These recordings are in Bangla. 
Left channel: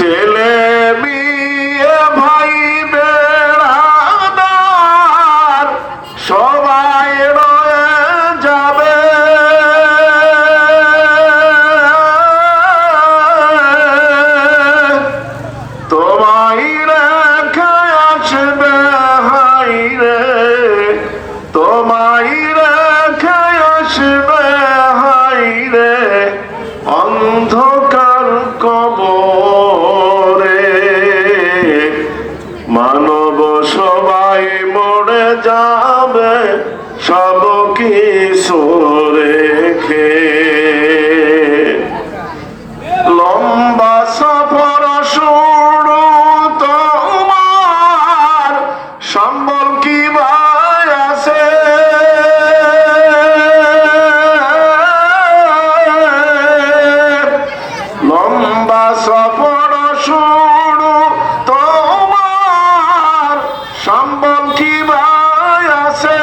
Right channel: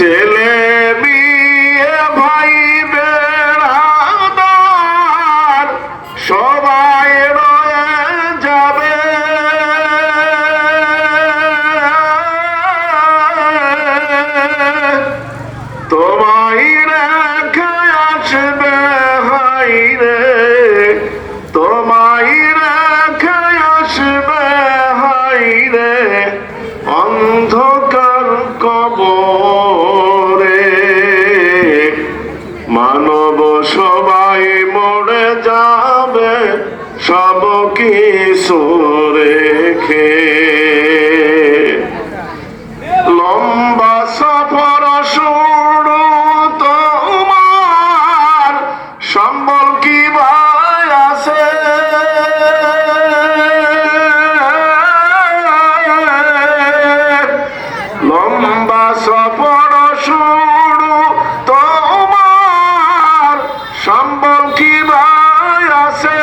ছেলে মেয়ে ভাই বেড়াদার সবাই রয়ে যাবে, তোমায় রেখে আসবে হাই রে, তোমায় রেখে আসবে হাই রে অন্ধকার কবরে। মানব সবাই মরে যাবে সব কিছু রেখে, লম্বা সফর শুরু তোমার সম্বল কি ভাই আছে, লম্বা সফর শুরু তোমার সম্বল কি ভাই আছে,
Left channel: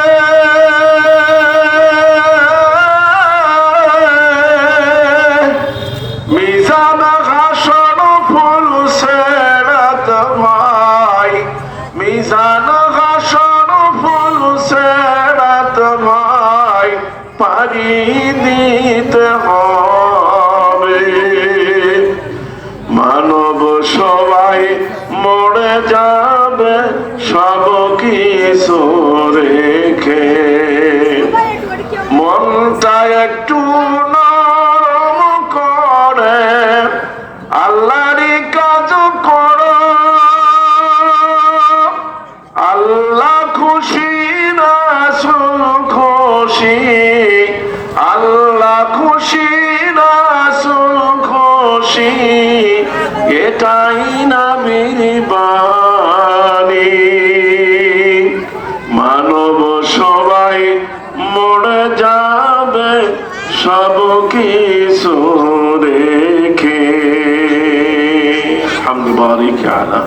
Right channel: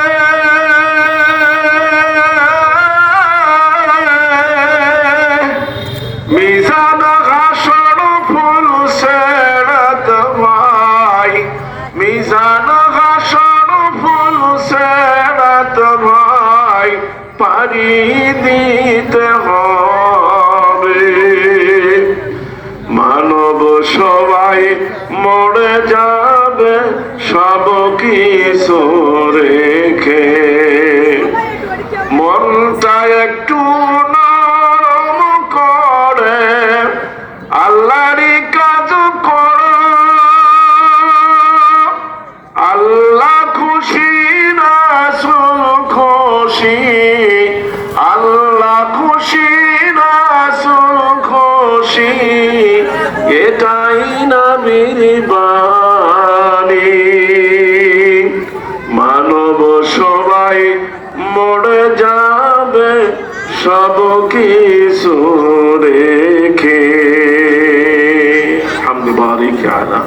মিজান হাসর ফুল সেরাত ভাই, মিজান হাসর ফুল সেরাত ভাই পারি দিতে হবে। মানব সবাই মরে যাবে সব কিছু রেখে, মনটা একটু নরম করে আল্লাহরই কাজ করো, আল্লাহ খুশি রাসূল খুশি, আল্লাহ খুশি রাসূল খুশি, এটাই নবীর বাণী। মানব সবাই মরে যাবে সব কিছু রেখে। হামদ বারিক আলা